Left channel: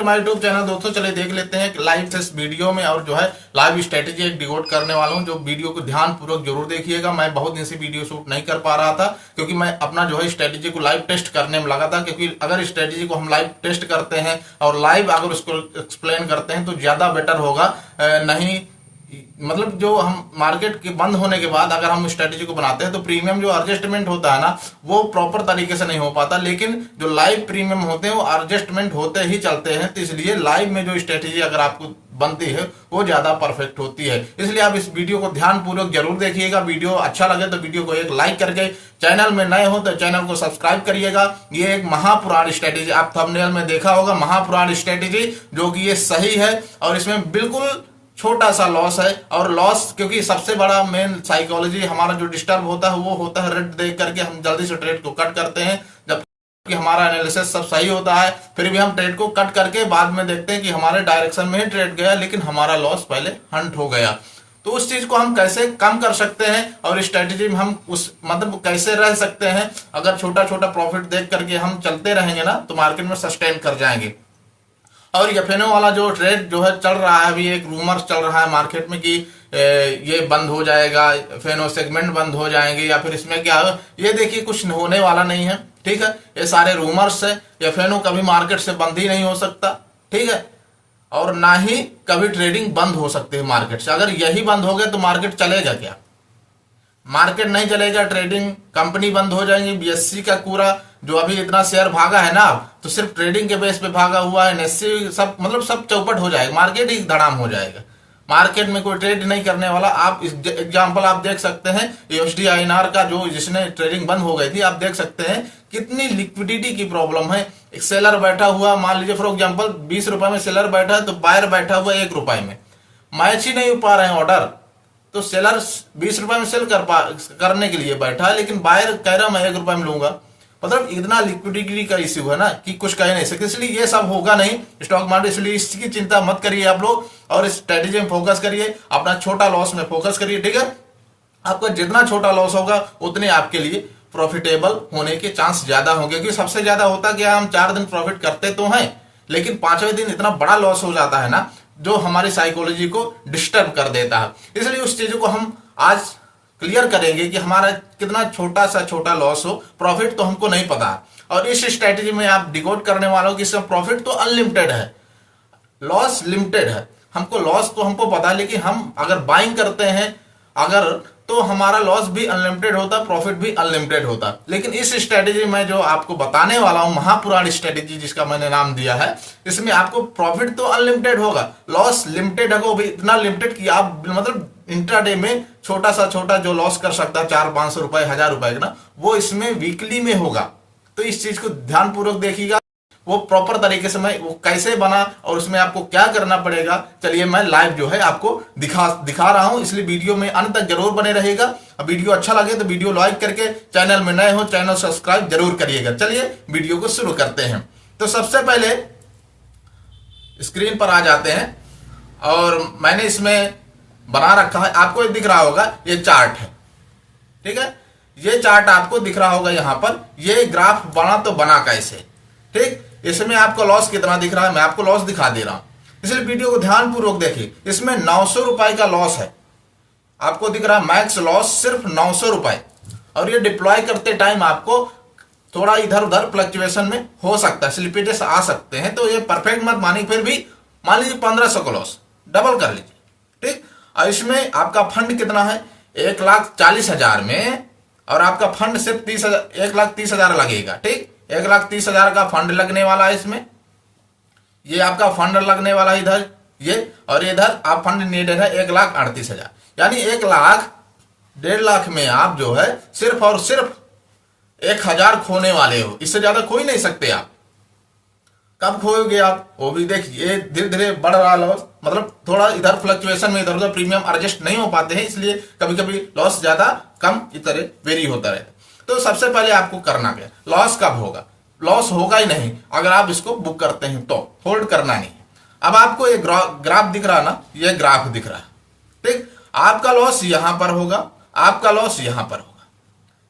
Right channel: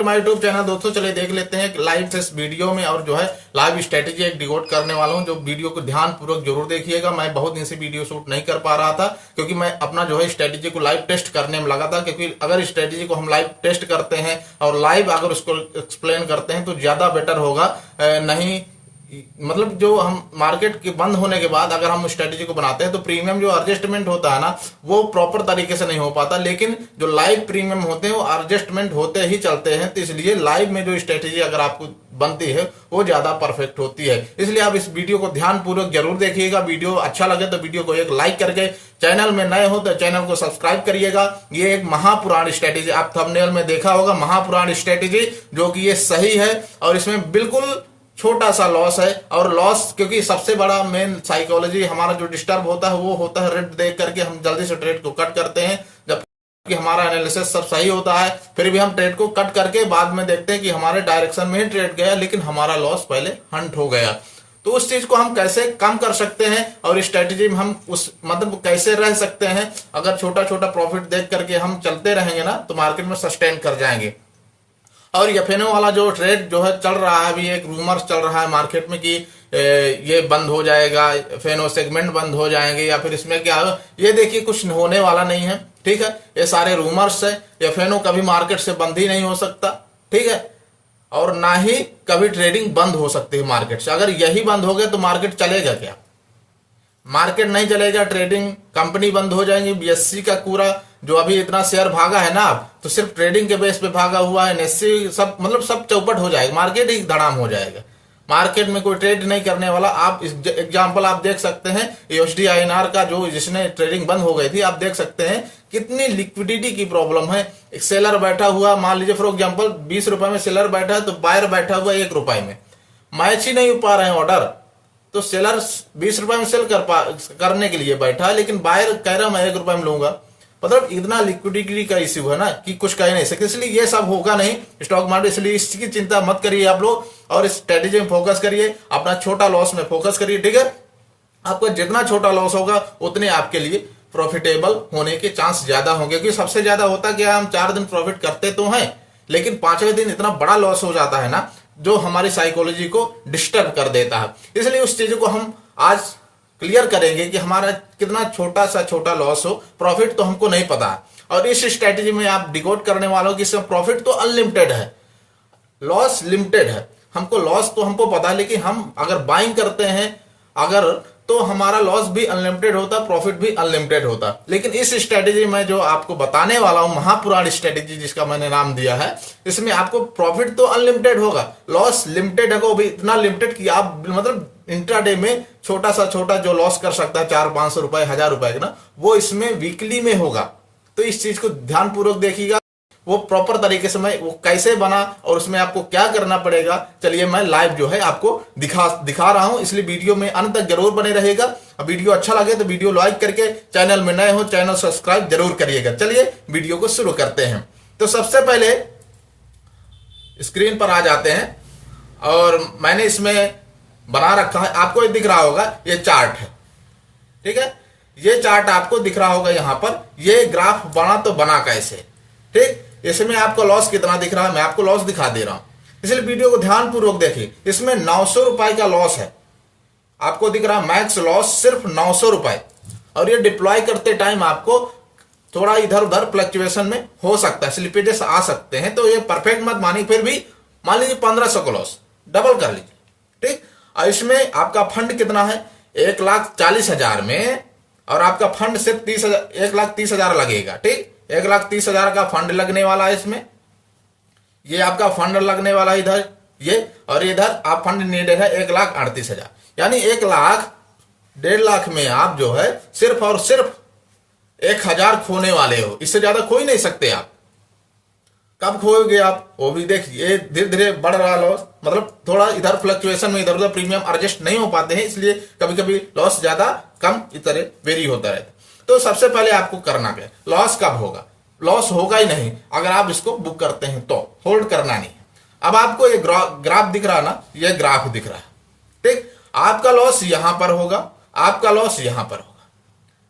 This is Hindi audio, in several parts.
हमारे यूट्यूब चैनल दोस्तों, चलिए देख लेते हैं लाइव से इस वीडियो में। और जो है लाइव स्ट्रेटेजी एक डिकोड करने वाला हूं, जो वीडियो को ध्यान पूर्वक जरूर देखिएगा। मैं बहुत दिन से वीडियो शूट नहीं कर पा रहा था क्योंकि मैं अपना जो है स्ट्रेटेजी को लाइव टेस्ट करने में लगा था। क्योंकि अगर स्ट्रेटेजी को हम लाइव टेस्ट करते हैं और लाइव अगर उसको एक्सप्लेन करते हैं तो ज्यादा बेटर होगा। नहीं मतलब जो हम मार्केट के बंद होने के बाद अगर हम स्ट्रेटेजी को बनाते हैं तो प्रीमियम जो एडजस्टमेंट होता है ना, वो प्रॉपर तरीके से नहीं हो पाता। लेकिन जो लाइव प्रीमियम होते हैं वो एडजस्टमेंट होते ही चलते हैं। तो इसलिए लाइव में जो स्ट्रेटेजी अगर आपको बनती है वो ज्यादा परफेक्ट होती है। इसलिए आप इस वीडियो को ध्यान पूर्वक जरूर देखिएगा। वीडियो अच्छा लगे तो वीडियो को एक लाइक करके, चैनल में नए हो तो चैनल को सब्सक्राइब करिएगा। ये एक महापुराण स्ट्रेटेजी, आप थंबनेल में देखा होगा, महापुराण स्ट्रेटेजी, जो कि ये सही है और इसमें बिल्कुल छोटा सा लॉस है। और लॉस क्योंकि सबसे बड़ा मेन साइकोलॉजी हमारा जो डिस्टर्ब होता है वो होता है रेट देख करके हम जल्दी से ट्रेड को कट करते हैं। जबकि हमारा एनालिसिस सब सही होता है, फिर भी हम ट्रेड को कट करके बाद में देखते हैं कि हमारे डायरेक्शन में ही ट्रेड गया लेकिन हमारा लॉस पहले हंट हो गया। तो उस चीज को हम कैसे कम कर सकते हैं और स्ट्रेटेजी में हम उस मतलब कैसे रह सकते हैं। अगर छोटा छोटा प्रॉफिट देख करके हम चलते रहेंगे ना तो मार्केट में सस्टेन कर जाएंगे। और एफएनओ वाला जो ट्रेड जो है चल रहा है, अभी एक रूमर्स चल रहा है मार्केट में कि ये बंद हो जाएगा, एफएनओ सेगमेंट बंद हो जाएंगे या फिर इसमें क्या है, ये देखिए कुछ होने वाला नहीं है। ठीक है, ये सारे रूमर्स है। एफएनओ कभी मार्केट से बंद ही नहीं हो सकता, ठीक है, और ना ही कभी ट्रेडिंग बंद हो सकती है मार्केट से। अगर यही बंद हो गए तो मार्केट चलेगा क्या? मार्केट नहीं चलेगा, ट्रेडिंग कंपनी बंद हो जाएंगी। बीएससी का पूरा जो अभी इतना शेयर भागा है ना, तो सिर्फ ट्रेडिंग के बेस पे भागा हुआ है। एनएससी सब मतलब सब चौपट हो जाएगा, मार्केट ही धड़ाम हो जाएगा। मार्केट में कोई ट्रेड नहीं करने वाला। आप एग्जांपल आप देख सकते हैं यूएसडी आईएनआर का, जो जिसने ट्रेडिंग बंद हो गई थी, आप देख सकते हैं कितनी लिक्विडिटी की प्रॉब्लम है। एक सेलर बैठा हुआ, मान लीजिए फॉर एग्जाम्पल 20 रुपए में सेलर बैठा है तो बायर बैठा हुआ 1 रुपए में, मैच ही नहीं हो पा रहे हैं ऑर्डर। तो सेलर 20 रुपए में सेल करने के लिए बैठा है लेकिन बायर कह रहा मैं 1 रुपए में लूंगा। मतलब इतना लिक्विडिटी का इश्यू है ना कि कुछ कह नहीं सकते। इसलिए ये सब होगा नहीं स्टॉक मार्केट, इसलिए इसकी चिंता मत करिए आप लोग और इस स्ट्रेटेजी में फोकस करिए, अपना छोटा लॉस में फोकस करिए। ठीक है, आपका जितना छोटा लॉस होगा उतने आपके लिए प्रॉफिटेबल होने के चांस ज्यादा होंगे। क्योंकि सबसे ज्यादा होता क्या, हम 4 दिन प्रॉफिट करते तो हैं लेकिन 5वें दिन इतना बड़ा लॉस हो जाता है ना, जो हमारी साइकोलॉजी को डिस्टर्ब कर देता है। इसलिए उस चीज को हम आज क्लियर करेंगे कि हमारा कितना छोटा सा छोटा लॉस हो, प्रॉफिट तो हमको नहीं पता। और इस स्ट्रेटेजी में आप डिकोड करने वालों की इसमें प्रॉफिट तो अनलिमिटेड है, लॉस लिमिटेड है। हमको लॉस तो हमको पता है लेकिन हम अगर बाइंग करते हैं अगर तो हमारा लॉस भी अनलिमिटेड होता, प्रॉफिट भी अनलिमिटेड होता। लेकिन इस स्ट्रेटेजी में जो आपको बताने वाला हूं, महापुराण स्ट्रेटेजी जिसका मैंने नाम दिया है, इसमें आपको प्रॉफिट तो अनलिमिटेड होगा, लॉस लिमिटेड है। वो भी इतना लिमिटेड कि आप मतलब इंट्राडे में छोटा सा छोटा जो लॉस कर सकता है 400-500 रुपए 1000 रुपए का ना, वो इसमें वीकली में होगा। तो इस चीज को ध्यानपूर्वक देखिएगा, वो प्रॉपर तरीके से मैं वो कैसे बना और उसमें आपको क्या करना पड़ेगा, चलिए मैं लाइव जो है आपको दिखा रहा हूं। इसलिए वीडियो में अंत तक जरूर बने रहेगा। अब वीडियो अच्छा लगे तो वीडियो लाइक करके, चैनल में नए हो चैनल सब्सक्राइब जरूर करिएगा। चलिए वीडियो को शुरू करते हैं। तो सबसे पहले स्क्रीन पर आ जाते हैं और मैंने इसमें बना रखा है, आपको दिख रहा होगा ये चार्ट है। ठीक है, ये चार्ट आपको दिख रहा होगा यहां पर। ये ग्राफ बना तो बना कैसे, ठीक, इसमें आपको लॉस कितना दिख रहा है, मैं आपको लॉस दिखा दे रहा हूं। इसलिए वीडियो को ध्यानपूर्वक देखिए। इसमें 900 रुपए का लॉस है, आपको दिख रहा है मैक्स लॉस सिर्फ 900 रुपए। और ये डिप्लॉय करते टाइम आपको थोड़ा इधर उधर फ्लक्चुएशन में हो सकता है, स्लिपेजेस आ सकते हैं। तो ये परफेक्ट मत मानिए, फिर भी मान लीजिए 1500 का लॉस, डबल कर लीजिए। ठीक, और इसमें आपका फंड कितना है, 1,40,000 में, और आपका फंड सिर्फ 1,30,000 लगेगा। ठीक, 1,30,000 का फंड लगने वाला है इसमें। ये आपका फंड लगने वाला है इधर ये, और इधर आप फंड नीडेड है 1,38,000। यानी 1 लाख 1.5 लाख में आप जो है सिर्फ और सिर्फ 1,000 खोने वाले हो, इससे ज्यादा खो ही नहीं सकते आप। कब खोओगे आप, वो भी देखिए धीरे धीरे बढ़ रहा लॉस, मतलब थोड़ा इधर फ्लक्चुएशन में इधर उधर प्रीमियम एडजस्ट नहीं हो पाते हैं, इसलिए कभी कभी लॉस ज्यादा कम इस तरह वेरी होता रहता है। तो सबसे पहले आपको करना क्या, लॉस कब होगा, लॉस होगा ही नहीं अगर आप इसको बुक करते हैं तो होल्ड करना नहीं है। अब आपको ये ग्राफ दिख रहा है ना, ये ग्राफ दिख रहा है। ठीक, आपका लॉस यहां पर होगा, आपका लॉस यहां पर होगा,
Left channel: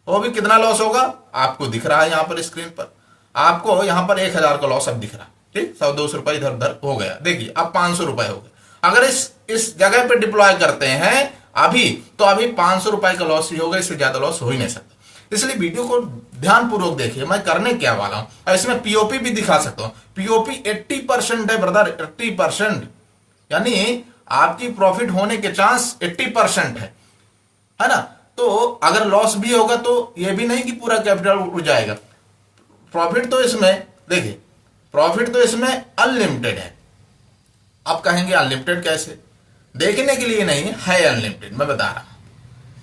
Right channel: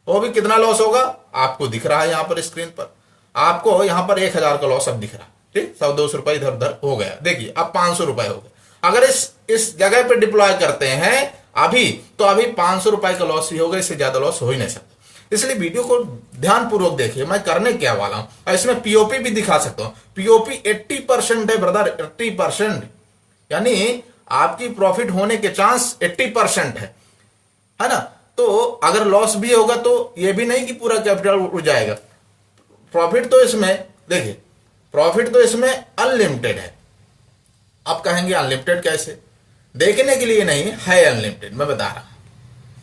वो भी कितना लॉस होगा आपको दिख रहा है यहां पर स्क्रीन पर। आपको यहां पर 1,000 का लॉस अब दिख रहा है। ठीक, 100-200 रुपए इधर उधर हो गया। देखिए अब 500 रुपए हो गए। अगर इस जगह पे डिप्लॉय करते हैं अभी, तो अभी 500 रुपए का लॉस ही होगा, इससे ज्यादा लॉस हो ही नहीं सकता। इसलिए वीडियो को ध्यानपूर्वक देखिए, मैं करने क्या वाला हूं। और इसमें पीओपी भी दिखा सकता हूं। पीओपी 80% है ब्रदर, 80%, यानी आपकी प्रॉफिट होने के चांस 80% है ना। तो अगर लॉस भी होगा तो ये भी नहीं कि पूरा कैपिटल उड़ जाएगा। प्रॉफिट तो इसमें देखिए, प्रॉफिट तो इसमें अनलिमिटेड है। आप कहेंगे अनलिमिटेड कैसे? देखने के लिए नहीं है अनलिमिटेड, मैं बता रहा हूं।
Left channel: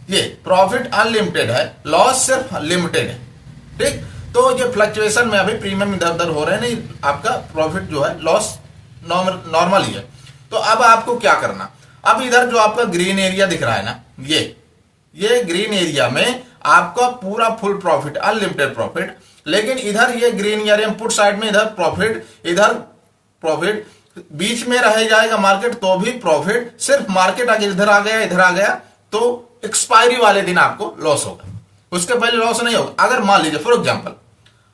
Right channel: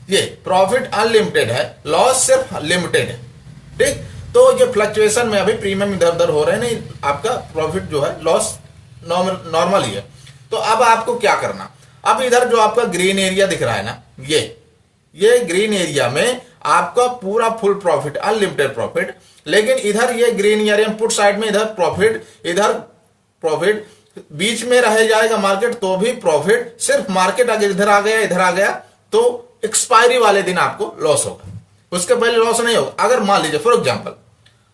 ये प्रॉफिट अनलिमिटेड है, लॉस सिर्फ लिमिटेड है। ठीक, तो ये फ्लक्चुएशन में अभी प्रीमियम इधर उधर हो रहे हैं, नहीं आपका प्रॉफिट जो है लॉस नॉर्मल ही है। तो अब आपको क्या करना, अब इधर जो आपका ग्रीन एरिया दिख रहा है ना, ये ग्रीन एरिया में आपका पूरा फुल प्रॉफिट, अनलिमिटेड प्रॉफिट। लेकिन इधर ये ग्रीन एरिया पुट साइड में इधर प्रॉफिट बीच में रह जाएगा मार्केट, तो भी प्रॉफिट। सिर्फ मार्केट अगर इधर आ गया तो एक्सपायरी वाले दिन आपको लॉस होगा, उसके पहले लॉस नहीं होगा। अगर मान लीजिए फॉर एग्जांपल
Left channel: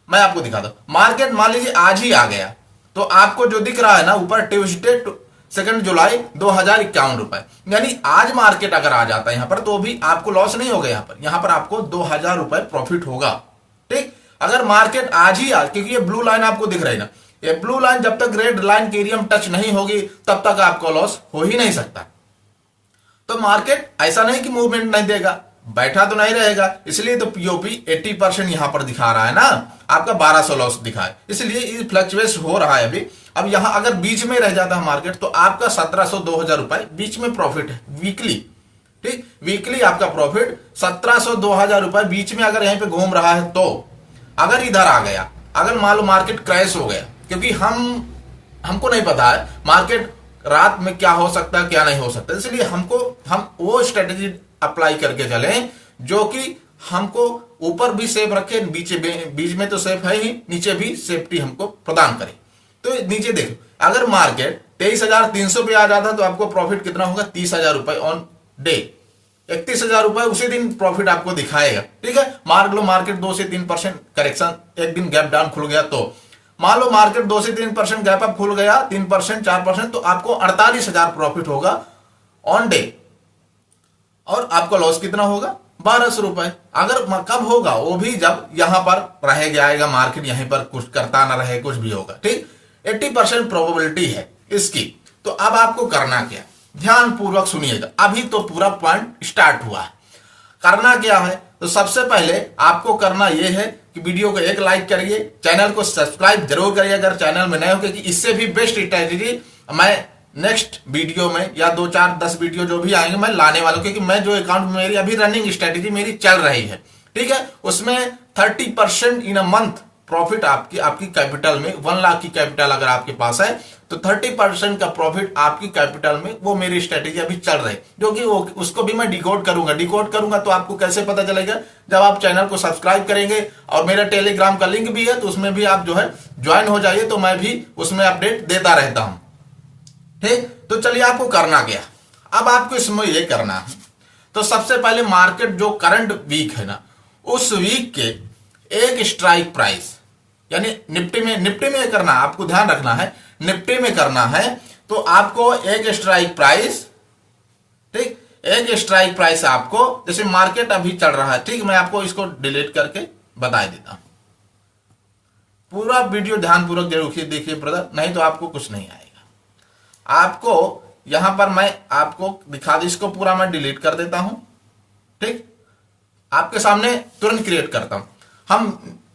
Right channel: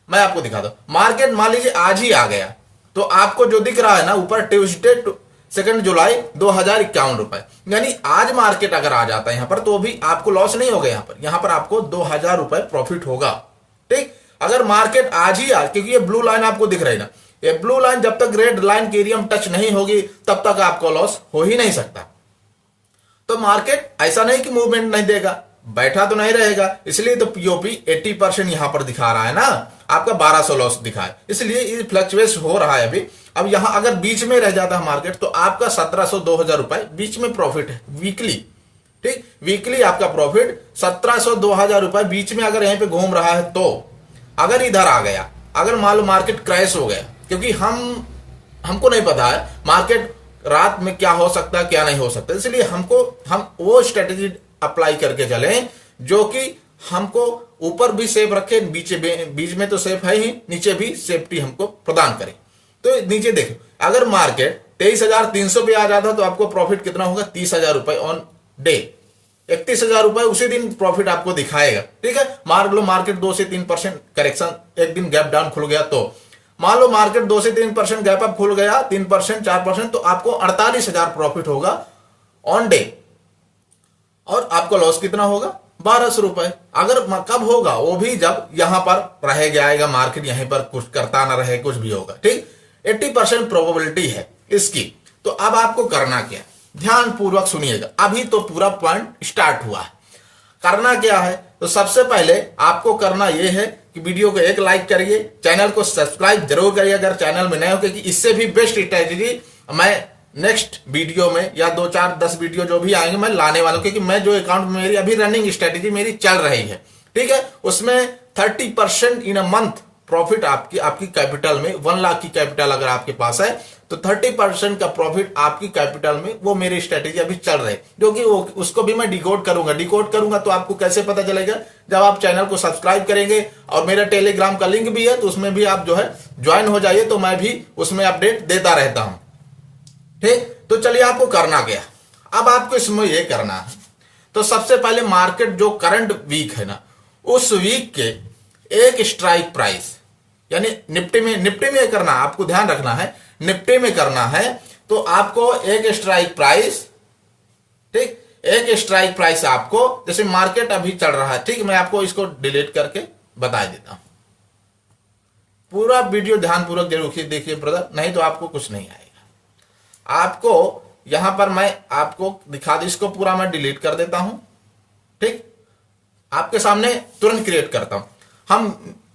मैं आपको दिखा दूं, मार्केट मान लीजिए आज ही आ गया, तो आपको जो दिख रहा है ना ऊपर ट्यूसडे 2 जुलाई 2051 रुपए, यानी आज मार्केट अगर आ जाता है यहां पर तो भी आपको लॉस नहीं होगा। यहां पर आपको 2000 रुपए प्रॉफिट होगा। ठीक, अगर मार्केट आज ही क्योंकि ये ब्लू लाइन आपको दिख रही ना, ये ब्लू लाइन जब तक रेड लाइन के एरिया में टच नहीं होगी तब तक आपको लॉस हो ही नहीं सकता। तो मार्केट ऐसा नहीं कि मूवमेंट नहीं देगा, बैठा तो नहीं रहेगा। इसलिए तो पीओपी 80% यहां पर दिखा रहा है ना, आपका 1200 लॉस दिखा है, इसलिए फ्लक्चुएट हो रहा है अभी। अब यहां अगर बीच में रह जाता है मार्केट तो आपका 1700-2000 रुपए बीच में प्रॉफिट है वीकली। ठीक, वीकली आपका प्रॉफिट 1700-2000 रुपए बीच में अगर यहीं पे घूम रहा है। तो अगर इधर आ गया, अगर मान लो मार्केट क्रैश हो गया, क्योंकि हमको नहीं पता है मार्केट रात में क्या हो सकता है क्या नहीं हो सकता, इसलिए हम वो स्ट्रेटेजी अप्लाई करके चले जो कि हमको ऊपर भी सेफ रखे, बीच में तो सेफ है ही, नीचे भी सेफ्टी हमको प्रदान करे। तो नीचे देखो, अगर मार्केट 23,300 पे आ जाता तो आपको प्रॉफिट कितना होगा, 30,000 रुपए ऑन डे, 31,000 रुपए उसी दिन प्रॉफिट आपको दिखाएगा। ठीक है, मान लो मार्केट 2 से 3% करेक्शन, एक दिन गैप डाउन खुल गया, तो मान लो मार्केट 2 से 3% गैप अप खुल गया, 3% 4%, तो आपको 48,000 प्रॉफिट होगा ऑन डे। और आपको लॉस कितना होगा, 1200 रुपए। अगर कब होगा, वो भी जब यहां पर रह जाएगा मार्केट, यहीं पर कुछ करता ना रहे, कुछ भी होगा। ठीक, 80% प्रोबेबिलिटी है इसकी। तो अब आपको करना क्या, ध्यान पूर्वक सुनिएगा, अभी तो पूरा पॉइंट स्टार्ट हुआ है। करना क्या है, तो सबसे पहले आपको करना यह है कि वीडियो को एक लाइक करिए, चैनल को सब्सक्राइब जरूर करिए अगर चैनल में नए हो, क्योंकि इससे भी बेस्ट स्ट्रेटेजी मैं नेक्स्ट वीडियो में या 2, 4, 10 वीडियो जो भी आएंगे मैं लाने वाला हूं। क्योंकि मैं जो अकाउंट में मेरी अभी रनिंग स्ट्रेटेजी मेरी चल रही है, ठीक है, उसमें 30% इन अ मंथ प्रॉफिट आपकी कैपिटल में, 1 लाख की कैपिटल अगर आपके पास है तो 30% का प्रॉफिट आपकी कैपिटल में, वो मेरी स्ट्रेटेजी अभी चल रही है, जो कि उसको भी मैं डिकोड करूंगा। तो आपको कैसे पता चलेगा, जब आप चैनल को सब्सक्राइब करेंगे, और मेरा टेलीग्राम का लिंक भी है, तो उसमें भी आप जो है ज्वाइन हो जाइए, तो मैं भी उसमें अपडेट देता रहता हूं। ठीक, तो चलिए आपको करना क्या, अब आपको इसमें ये करना है। तो सबसे पहले मार्केट जो करंट वीक है ना, उस वीक के एक स्ट्राइक प्राइस, यानी निफ्टी में करना, आपको ध्यान रखना है, निफ्टी में करना है तो आपको एक स्ट्राइक प्राइस, ठीक, एक स्ट्राइक प्राइस आपको, जैसे मार्केट अभी चल रहा है, ठीक, मैं आपको इसको डिलीट करके बता देता हूं। पूरा वीडियो ध्यानपूर्वक जरूर देखिए ब्रदर, नहीं तो आपको कुछ नहीं आएगा। आपको यहां पर मैं आपको दिखा दी, इसको पूरा मैं डिलीट कर देता हूं। ठीक, आपके सामने तुरंत क्रिएट करता हूं।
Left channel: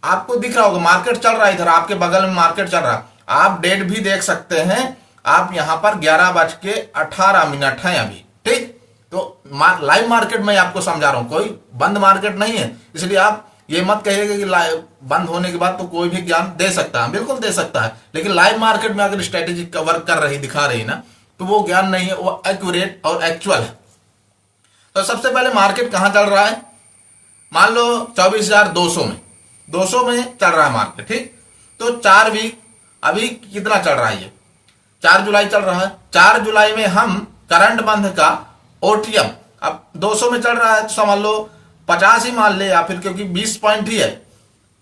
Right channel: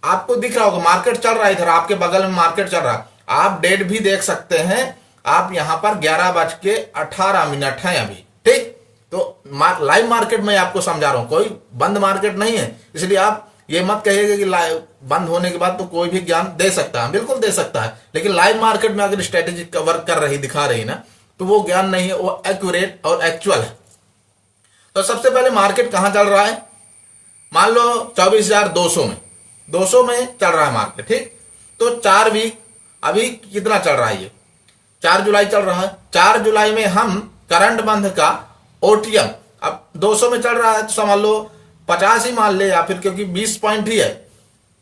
आपको दिख रहा होगा मार्केट चल रहा है, इधर आपके बगल में मार्केट चल रहा है, आप डेट भी देख सकते हैं। आप यहां पर 11:18 है अभी। ठीक, तो लाइव मार्केट में आपको समझा रहा हूं, कोई बंद मार्केट नहीं है, इसलिए आप ये मत कहिएगा कि लाइव बंद होने के बाद तो कोई भी ज्ञान दे सकता है, बिल्कुल दे सकता है, लेकिन लाइव मार्केट में अगर स्ट्रेटेजी वर्क कर रही, दिखा रही ना, तो वो ज्ञान नहीं है, वो एक्यूरेट और एक्चुअल है। तो सबसे पहले मार्केट कहां चल रहा है, मान लो 24,200 में चल रहा है मार्केट। ठीक, तो 4 वीक अभी कितना चल रहा है, ये 4 जुलाई चल रहा है। 4 जुलाई में हम करंट मंथ का ओटीएम, अब 200 में चल रहा है तो समझ लो 50 ही मान ले, या फिर क्योंकि 20 पॉइंट ही है,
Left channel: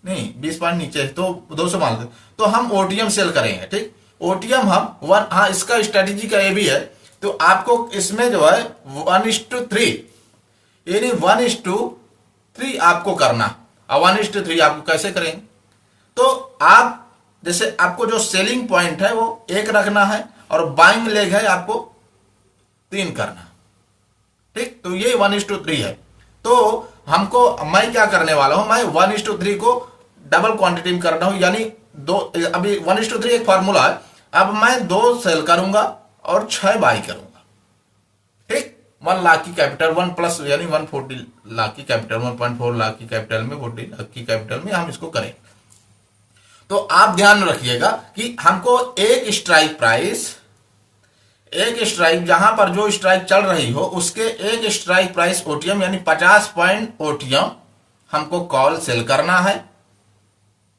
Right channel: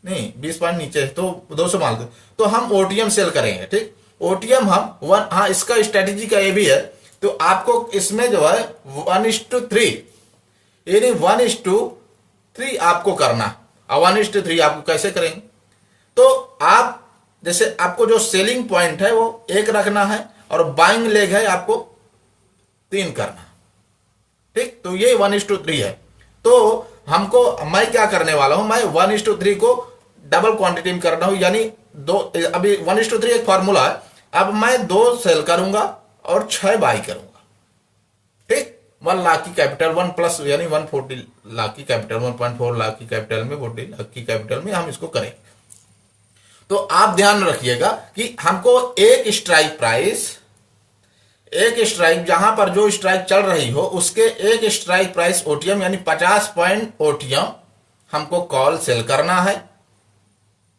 नहीं 20 पॉइंट नीचे है तो 200 मान लेते, तो हम ओटीएम सेल करेंगे। ठीक, ओटीएम हम वन, हाँ इसका स्ट्रेटेजी का ये भी है, तो आपको इसमें जो है 1:3 यानी 1:3 आपको करना। और 1:3 आपको कैसे करेंगे, तो आप जैसे आपको जो सेलिंग पॉइंट है वो 1 रखना है और बाइंग लेग है आपको 3 करना। ठीक, तो ये 1:3 है। तो हमको, मैं क्या करने वाला हूं, मैं 1:3 को डबल क्वांटिटी में करना हूं, यानी दो, अभी 1:3 एक फॉर्मूला है, अब मैं 2 सेल करूंगा और 6 बाई करूंगा। ठीक, 1 लाख की कैपिटल 1 प्लस यानी 140 लाख की कैपिटल, 1.4 लाख की कैपिटल में 40 लाख की कैपिटल में हम इसको करें। तो आप ध्यान रखिएगा कि हमको एक स्ट्राइक जहां पर जो स्ट्राइक चल रही हो उसके एक स्ट्राइक प्राइस ओटीएम यानी 50 पॉइंट ओटीएम हमको कॉल सेल करना है।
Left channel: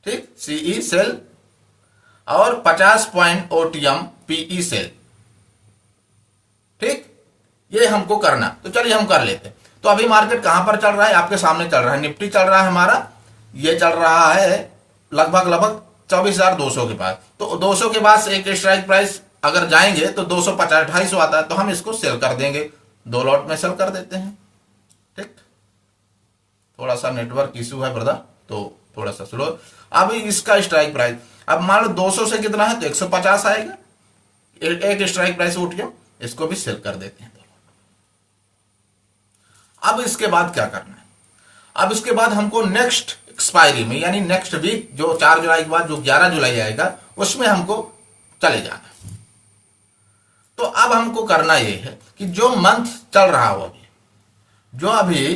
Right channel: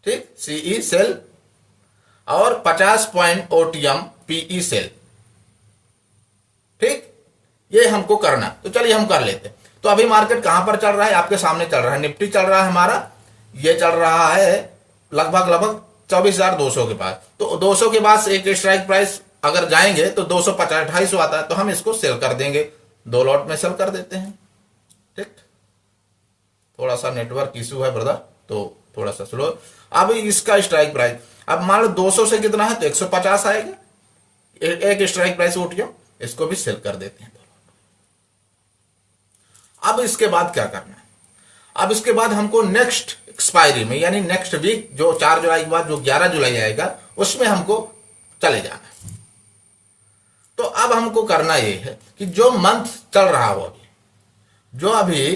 ठीक, सीई सेल, और 50 पॉइंट ओटीएम पीई सेल। ठीक, ये हमको करना, तो चलिए हम कर लेते। तो अभी मार्केट कहां पर चल रहा है, आपके सामने चल रहा है, निफ्टी चल रहा है हमारा, ये चल रहा है लगभग 24,200 के पास। तो 200 के बाद एक स्ट्राइक प्राइस अगर जाएंगे तो 250 250 आता है, तो हम इसको सेल कर देंगे, 2 लॉट में सेल कर देते हैं। ठीक, थोड़ा सा नेटवर्क इशू है ब्रदर, तो थोड़ा सा स्लो। अब इसका स्ट्राइक प्राइस, अब मान लो 200 से कितना है तो 150 आएगा, एक स्ट्राइक प्राइस उठियो, इसको भी सेल कर देते हैं। अब इसके बाद क्या करना है, अब इसके बाद हमको नेक्स्ट एक्सपायरी में यानी नेक्स्ट वीक जो 4 जुलाई के बाद जो 11 जुलाई आएगा उसमें हमको चले जाना है। तो अब हमको करना ये है कि जो मंथ चल रहा हो जो अभी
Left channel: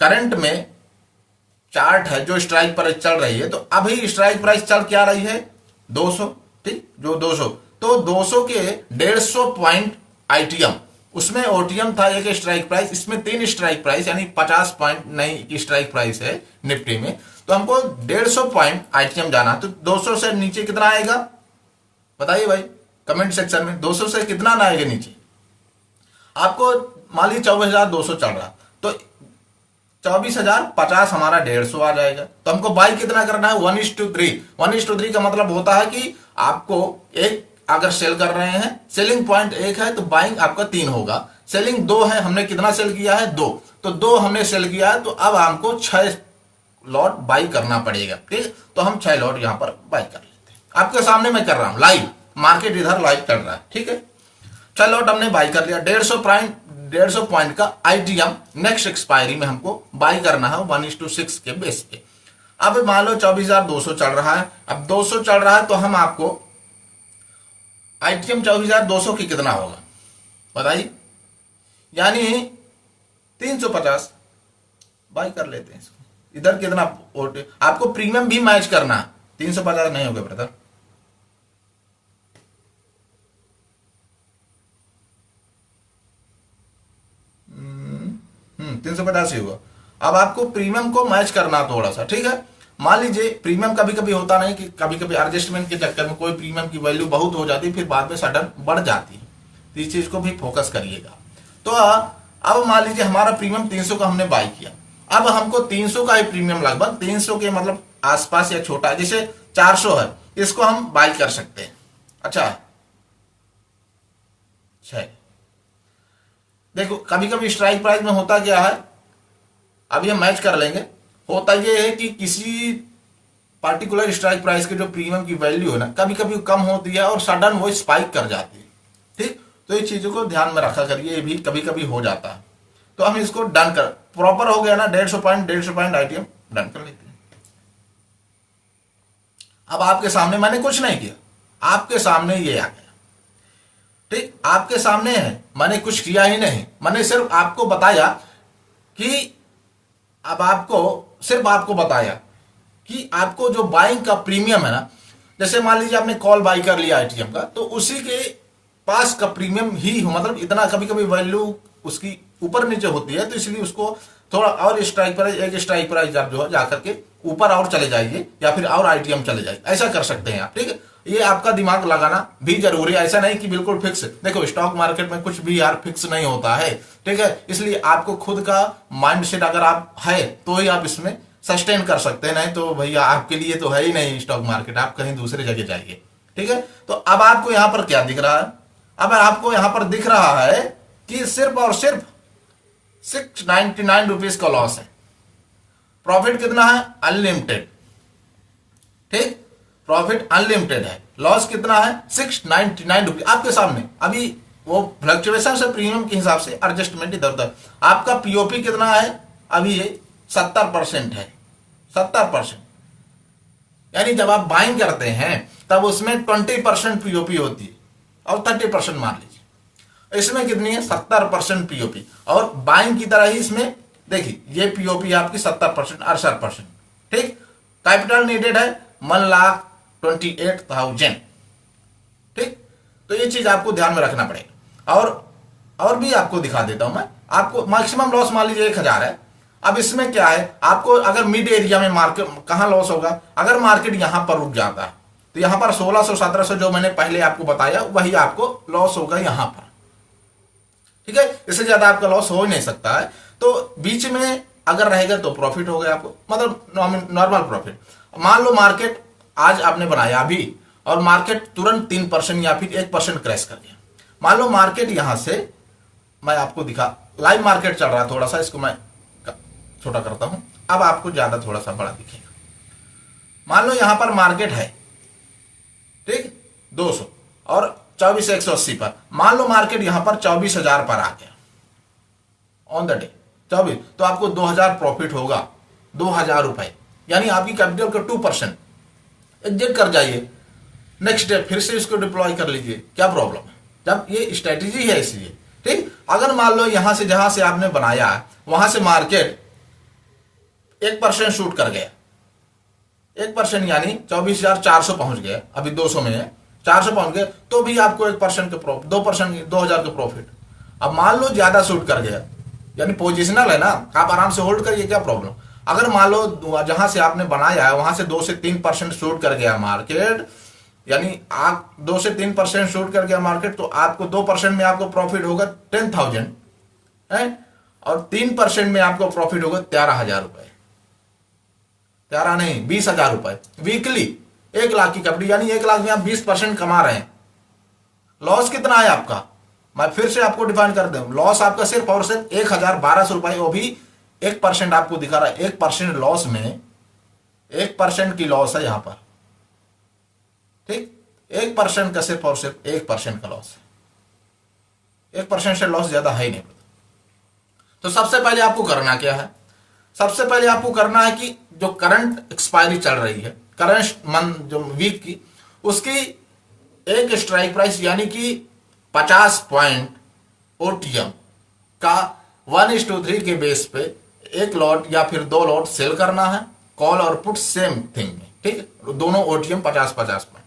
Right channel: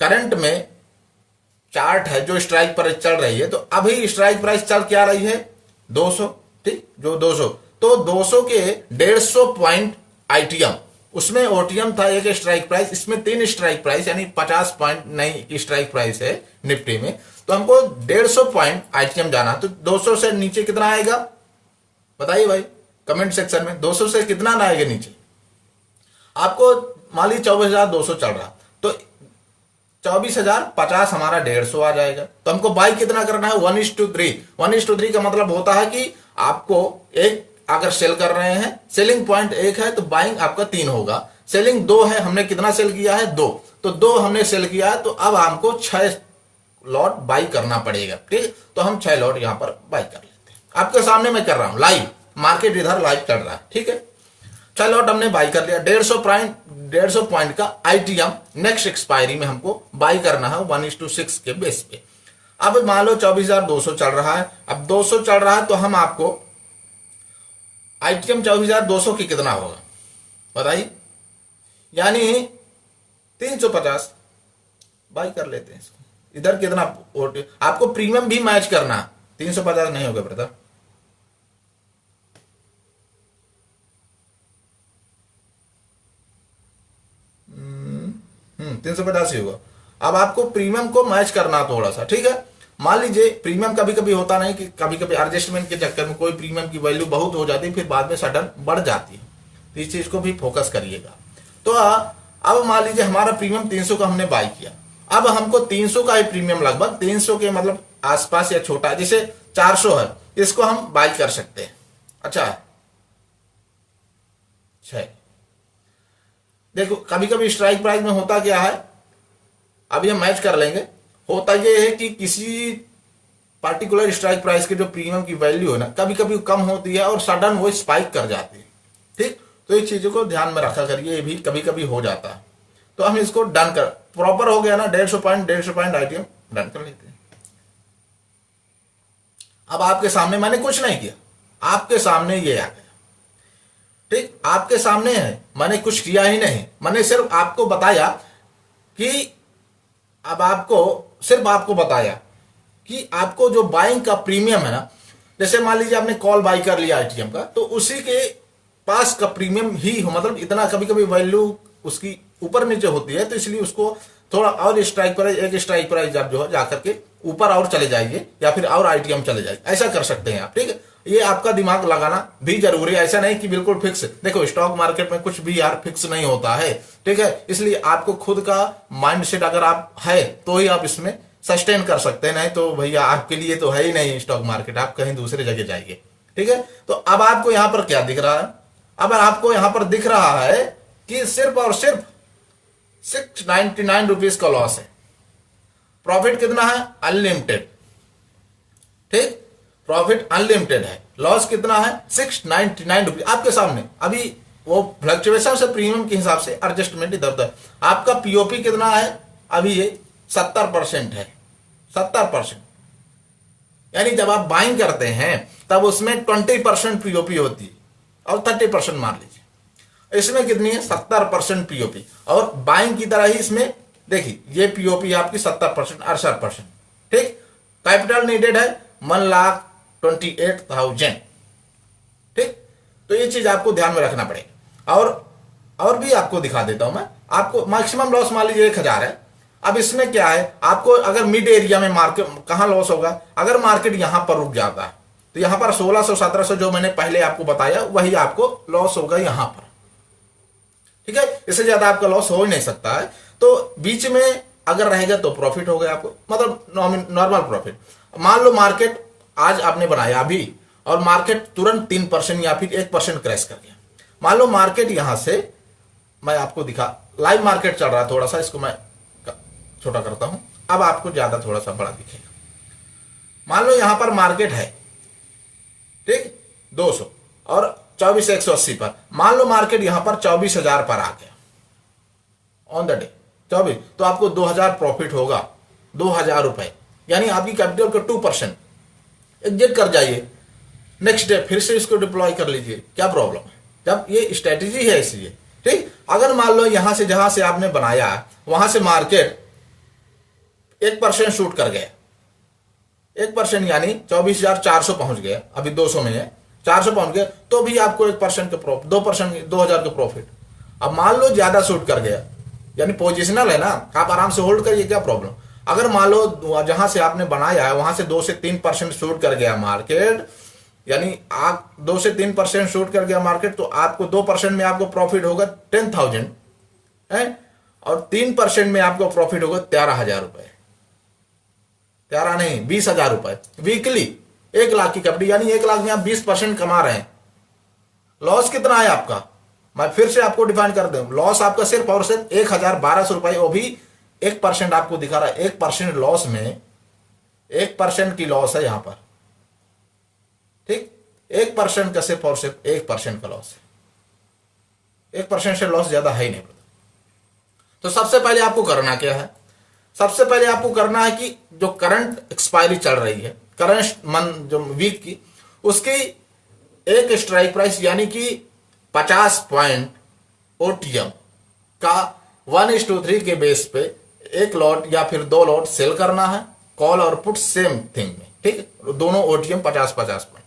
करंट में चार्ट है, जो स्ट्राइक प्राइस चल रही है, तो अभी स्ट्राइक प्राइस चल क्या रही है 200। ठीक, जो 200, तो 200 के 150 पॉइंट आईटीएम, उसमें ओटीएम था एक स्ट्राइक प्राइस, इसमें 3 स्ट्राइक प्राइस यानी 50 पॉइंट नई स्ट्राइक प्राइस है निफ्टी में। तो हमको 150 पॉइंट आईटीएम जाना, तो 200 से नीचे कितना आएगा बताइए भाई कमेंट सेक्शन में, 200 से कितना ना आएगा नीचे आपको। मान ली 24,200 चल रहा, तो 24,050 हमारा 150 आ जाएगा। तो हमको बाई कितना करना है 1:3। 1:3 का मतलब होता है कि आपको एक अगर सेल कर रहे हैं, सेलिंग पॉइंट 1 है तो बाइंग आपका 3 होगा, सेलिंग 2 है, हमने कितना सेल किया है 2, तो 2 हमने सेल किया है, तो अब हमको 6 लॉट बाई करना पड़ेगा। ठीक, तो हम 6 लॉट यहां पर बाई कर लेते हैं, आपके सामने मैं कर रहा हूं लाइव, मार्केट इधर लाइव चल रहा है। ठीक है, 6 लॉट हमने बाई कर लिया, 150 पॉइंट का आईटीएम नेक्स्ट एक्सपायरी में हमको बाई करना है 1:6 के बेस पे। अब मान लो 24,200 चल रहा है, अब 200 चल रहा है, तो हम आपको आईटीएम 24,200 की कितना होगा बताइए, यानी 350 बाई कर लेते हैं इसको। इधर कितना आपको प्रीमियम भी मैच करना, 350 नहीं होगा ब्रदर, 350 ही होगा। अब आपको प्रीमियम को मैच करना थोड़ा सा। ठीक है, मान लीजिए प्रीमियम कभी कभी होता नहीं कि कभी कभी एडजस्टमेंट के चक्कर में कोई प्रीमियम की वैल्यू बहुत हो जाती है, फिर बाद में सडन बढ़ जाती है, तो इस चीज को भी फोकस करिएगा। तो अब मान लीजिए हमारा प्रीमियम 300 का हमने बाई किया, अब हमको 300 का ही प्रीमियम लगभग 300 के मतलब आसपास या छोटा है, जैसे 400 है, इसको हम बाई कर सकते हैं। अच्छा 6, देखो कभी कभी स्ट्राइक प्राइस में होता क्या है, अभी हम मैच कर लेंगे, होता यह है कि किसी पार्टिकुलर स्ट्राइक प्राइस के जो प्रीमियम की वैल्यू है ना, कभी कभी कम होती है और सडन वो स्पाइक कर जाती है। ठीक, तो ये चीजों को ध्यान में रखा करिए, ये भी कभी कभी हो जाता है। तो हम इसको डन कर, प्रॉपर हो गया ना, 150 पॉइंट आईटीएम डन कर लेते हैं। अब आपके सामने मैंने कुछ नहीं किया, आपके सामने ये आ गया। ठीक, आपके सामने है, मैंने कुछ किया ही नहीं, मैंने सिर्फ आपको बताया कि अब सिर्फ आपको बताया कि आपको जो बाइंग का प्रीमियम है ना, जैसे मान लीजिए आपने कॉल बाई कर लिया आईटीएम का, तो उसी के पास का प्रीमियम ही हो, मतलब इतना कभी कभी वैल्यू उसकी ऊपर नीचे होती है, तो इसलिए उसको थोड़ा और स्ट्राइक प्राइस, एक स्ट्राइक प्राइस आप जो है जाकर के ऊपर और चले जाइए या फिर और आईटीएम चले जाइए, ऐसा कर सकते हैं आप। ठीक है, ये आपका दिमाग लगाना भी जरूरी है, ऐसा नहीं कि बिल्कुल फिक्स। देखो स्टॉक मार्केट में कुछ भी यार फिक्स नहीं होता है। ठीक है, इसलिए आपको खुद का माइंडसेट अगर आप है तो ही आप इसमें सस्टेन कर सकते हैं, नहीं तो भैया आपके लिए तो है ही नहीं स्टॉक मार्केट, आप कहीं दूसरे जगह जाइए। ठीक है, तो अब आपको यहां पर क्या दिख रहा है? अब आपको यहां पर दिख रहा है कि सिर्फ और सिर्फ 699 रुपीज का लॉस है। प्रॉफिट कितना है? अनलिमिटेड। ठीक, प्रॉफिट अनलिमिटेड है, लॉस कितना है? 699 रुपीज आपके सामने। अभी वो फ्लक्चुएशन से प्रीमियम के हिसाब से एडजस्टमेंट इधर उधर। आपका पीओपी कितना है? अभी ये 70% है, 70%। यानी जब आप बाइंग करते हैं तब उसमें 20% पीओपी होती है और 30% मान लीजिए। इसमें कितनी है? 70% पीओपी। और बाइंग की तरह ही इसमें देखिए ये पीओपी आपकी 70%, 68%। ठीक, कैपिटल नीडेड है 1,28,000। ठीक, तो ये चीज आपको ध्यान में रखना पड़ेगा। और भी आपको दिखा देता हूं मैं। आपको मैक्सिमम लॉस मान लीजिए 1,000 है। अब इसमें क्या है, आपको अगर मिड एरिया में मार्केट कहां लॉस होगा? अगर मार्केट यहां पर रुक जाता है तो यहां पर 1600-1700 जो मैंने पहले आपको बताया वही आपको लॉस होगा यहां पर। ठीक है, इससे ज्यादा आपका लॉस हो ही नहीं सकता है। तो बीच में अगर रहेगा तो प्रॉफिट हो गया आपको, मतलब नॉर्मल प्रॉफिट। मान लो मार्केट आज आपने बनाया अभी और मार्केट तुरंत 3% या फिर 1% क्रैश कर गया। मान लो मार्केट यहां से, मैं आपको दिखा, लाइव मार्केट चल रहा है, थोड़ा सा इसको मैं छोटा करता हूं, अब आपको ज्यादा थोड़ा सा बड़ा दिखेगा। मान लो यहां पर मार्केट है, ठीक, 200 और 24,180 पर। मान लो मार्केट यहां पर 24,000 पर आ गया ऑन द डे 24, तो आपको 2,000 प्रॉफिट होगा, 2,000 रुपए। यानी आपकी कैपिटल का 2% एग्जिट कर जाइए, नेक्स्ट डे फिर से इसको डिप्लॉय कर लीजिए, क्या प्रॉब्लम है? जब ये स्ट्रेटेजी है इसलिए। ठीक, अगर मान लो यहां से जहां से आपने बनाया है वहां से मार्केट 1% शूट कर गया, 1% यानी 24,400 पहुंच गया, अभी 200 में है, 400 पहुंच गया, तो भी आपको 1% का प्रॉफिट, 2%, 2,000 का प्रॉफिट। अब मान लो ज्यादा शूट कर गया, यानी पोजिशनल है ना, आप आराम से होल्ड करिए, क्या प्रॉब्लम। अगर मान लो जहां से आपने बनाया है वहां से 2 से 3% शूट कर गया मार्केट, यानी आप 2 से 3% शूट कर गया मार्केट, तो आपको 2% में आपको प्रॉफिट होगा 10,000 है, और 3% में आपको प्रॉफिट होगा 13,000 रुपए। 13 नहीं, 20,000 रुपए वीकली। 1 लाख की कैपिटल, यानी 1 लाख में आप 20% कमा रहे हैं। लॉस कितना है आपका? मैं फिर से आपको डिफाइन कर दूं, लॉस आपका सिर्फ और सिर्फ 1,1200 रुपए, वो भी 1% आपको दिखा रहा है। 1% लॉस में 1% की लॉस है यहां पर। ठीक, 1% का सिर्फ और सिर्फ 1% का लॉस है। 1% से लॉस ज्यादा है ही नहीं। तो सबसे पहले आपको करना क्या है? सबसे पहले आपको करना है कि जो करंट एक्सपायरी चल रही है, करंट मंथ जो वीक की, उसकी एक स्ट्राइक प्राइस यानी कि 50 पॉइंट ओटीएम का 1:3 के बेस पे 1 लॉट या फिर 2 लॉट सेल करना है, कॉल और पुट सेम थिंग में। ठीक, दोनों ओटीएम 50-50 पॉइंट।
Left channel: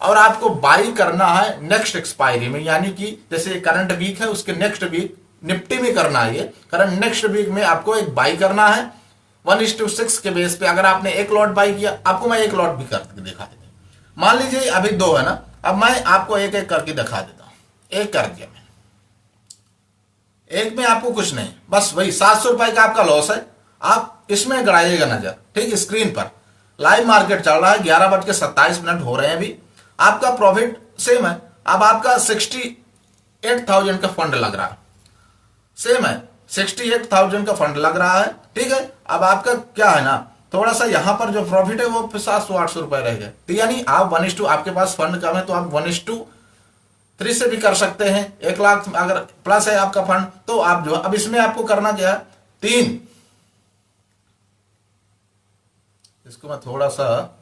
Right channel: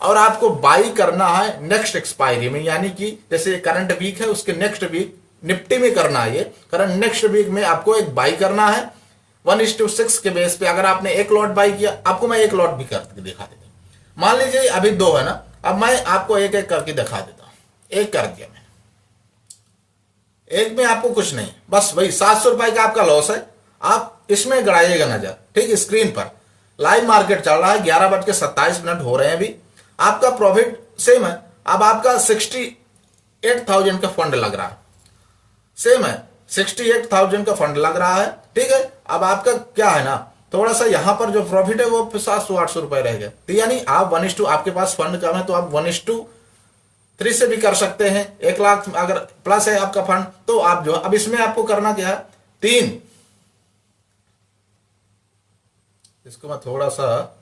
और आपको बाई करना है नेक्स्ट एक्सपायरी में, यानी कि जैसे करंट वीक है उसके नेक्स्ट वीक निफ्टी में करना है। ये करंट नेक्स्ट वीक में आपको एक बाई करना है 1:6 के बेस पे। अगर आपने 1 लॉट बाई किया, आपको मैं 1 लॉट भी करके दिखा देता हूं। मान लीजिए अभी 2 है ना, अब मैं आपको एक एक करके दिखा देता हूं। 1 कर दिया मैंने, 1 में आपको कुछ नहीं, बस वही 700 रुपए का आपका लॉस है। आप इसमें गड़ाइएगा नजर। ठीक, स्क्रीन पर लाइव मार्केट चल रहा है, 11:27 हो रहे हैं अभी। आपका प्रॉफिट सेम है। अब आपका 68,000 का फंड लग रहा है, सेम है, 68,000 का फंड लग रहा है। ठीक है, अब आपका क्या है ना, थोड़ा सा यहां पर जो प्रॉफिट है वो 700-800 रुपए रह गए। तो यानी आप 1:2, आपके पास फंड कम है तो आप 1:3 से भी कर सकते हैं। 1 लाख अगर प्लस है आपका फंड तो आप जो, अब इसमें आपको करना क्या है, 3, इसको मैं थोड़ा सा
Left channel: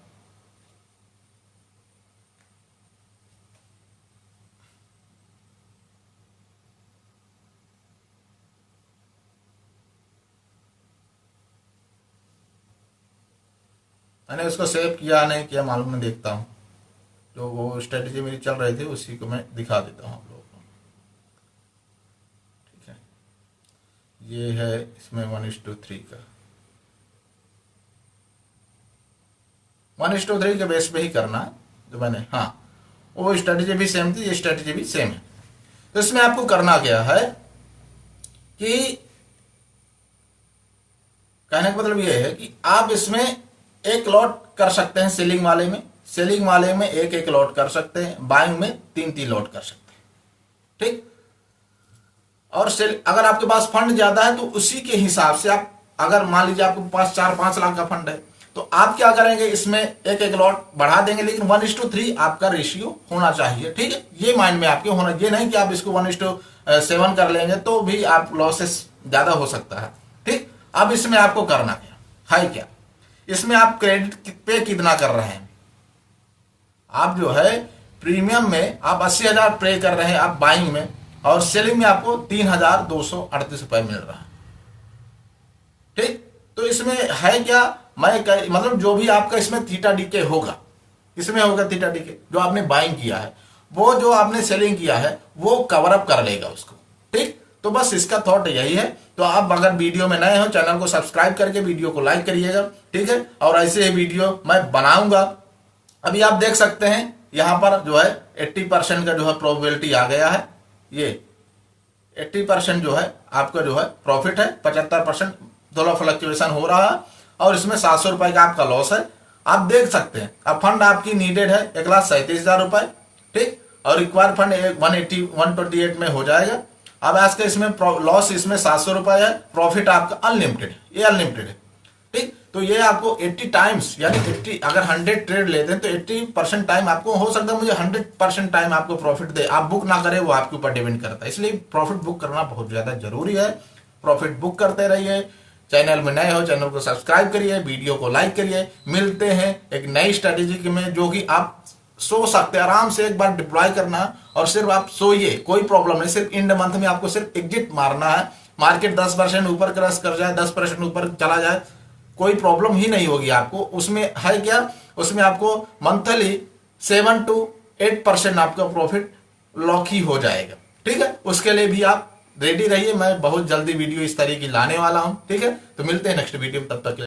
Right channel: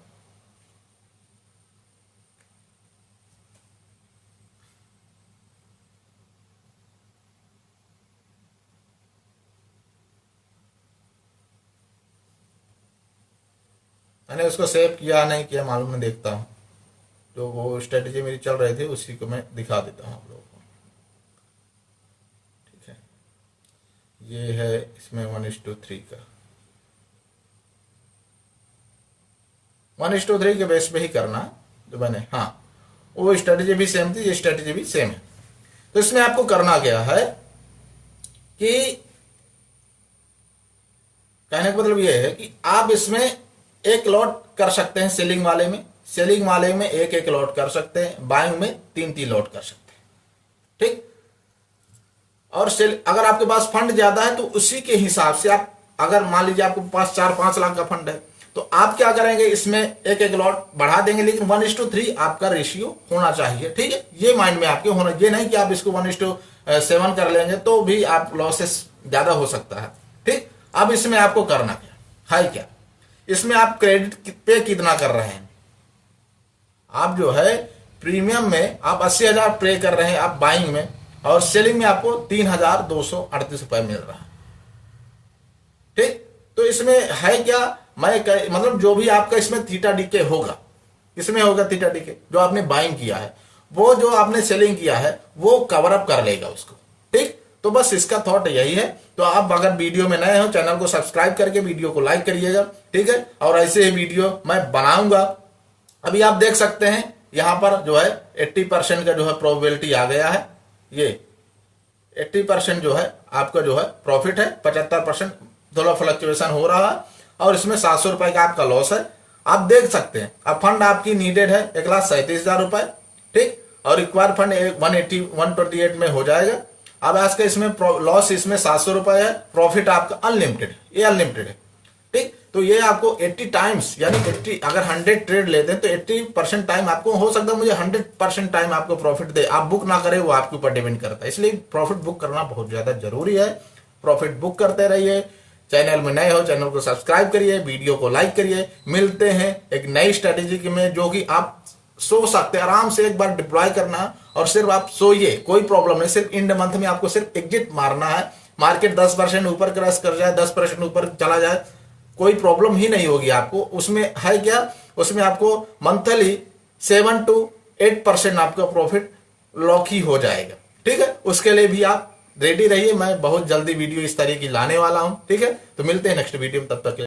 मैंने उसको सेव किया नहीं किया मालूम नहीं, देखता हूं। जो वो स्ट्रेटेजी मेरी चल रही थी उसी को मैं दिखा देता हूं आप लोगों को। ठीक है, ये है इसमें 1:3 का, 1:3 के बेस पे ही करना है जो मैंने, हाँ वो स्ट्रेटेजी भी सेम थी, ये स्ट्रेटेजी भी सेम है। तो इसमें आपको करना क्या है कि कहने का मतलब ये है कि आप इसमें एक लॉट कर सकते हैं सेलिंग वाले में, सेलिंग वाले में एक एक लॉट कर सकते हैं, बाइंग में 3-3 लॉट कर सकते हैं, ठीक। और अगर आपके पास फंड ज्यादा है तो उसी के हिसाब से आप, अगर मान लीजिए आपके पास 4-5 लाख का फंड है तो आप क्या करेंगे, इसमें एक एक लॉट बढ़ा देंगे, लेकिन 1:3 आपका रेशियो होना चाहिए, ठीक है। ये माइंड में आपके होना, ये नहीं कि आप इसको 1:7 कर लेंगे तो भी आप लॉसेस ज्यादा हो सकता है, ठीक। अब इसमें आपको करना क्या है, क्या इसमें आप क्रेडिट पे कितना कर रहे हैं, आप जो है प्रीमियम में आप 80,000 पे कर रहे हैं आप बाइंग में, और सेलिंग में आपको 3,238 रुपए मिल रहा है, ठीक। तो इसमें है क्या, मतलब जो भी आपका इसमें थीटा डीके होगा, इसमें होगा थीटा डीके, जो आपने बाइंग किया है वो जो आपने सेलिंग किया है वो कवर अप कर लेगा उसको, ठीक। तो बस इसका थॉट यही है। तो आप अगर वीडियो में नए हो, चैनल को सब्सक्राइब करके वीडियो को लाइक करिएगा, ठीक है। और ऐसे ही वीडियो मैं बनाऊंगा। अभी आप देख सकते हैं यहां पर जो है 80% का जो है प्रोबेबिलिटी आ गया है, ये 80% जो है आपका जो है प्रॉफिट है, 75% थोड़ा फ्लक्चुएशन हो रहा है, और इसमें 700 रुपए का आपका लॉस है। आप देख सकते हैं अब फंड आपकी नीडेड है 1,37,000 रुपए, ठीक। और रिक्वायर्ड फंड 128 में हो जाएगा। अब आज का इसमें लॉस इसमें 700 रुपए है, प्रॉफिट आपका अनलिमिटेड, ये अनलिमिटेड है, ठीक। तो ये आपको 80 टाइम्स, यानी 80, अगर 100 ट्रेड लेते हैं तो 80% टाइम आपको हो सकता है मुझे 100% टाइम आपको प्रॉफिट दे, आप बुक ना करें वो आपके ऊपर डिपेंड करता है। इसलिए प्रॉफिट बुक करना बहुत ज्यादा जरूरी है। प्रॉफिट बुक करते रहिए। चैनल में नए हो, चैनल को सब्सक्राइब करिए, वीडियो को लाइक करिए। मिलते हैं एक नई स्ट्रेटेजी में, जो कि आप सो सकते हैं, आराम से एक बार डिप्लॉय करना, और सिर्फ आप सोइए, कोई प्रॉब्लम नहीं। सिर्फ इंड मंथ में आपको सिर्फ एग्जिट मारना है। मार्केट 10% ऊपर क्रैश कर जाए, 10% ऊपर चला जाए, कोई प्रॉब्लम ही नहीं होगी आपको। उसमें है क्या, उसमें आपको मंथली 7 to 8% आपका प्रॉफिट लॉक ही हो जाएगा, ठीक है। उसके लिए भी आप रेडी रहिए, मैं बहुत जल्दी वीडियो इस तरह की लाने वाला हूं, ठीक है। तो मिलते हैं नेक्स्ट वीडियो में, तब तक के लिए।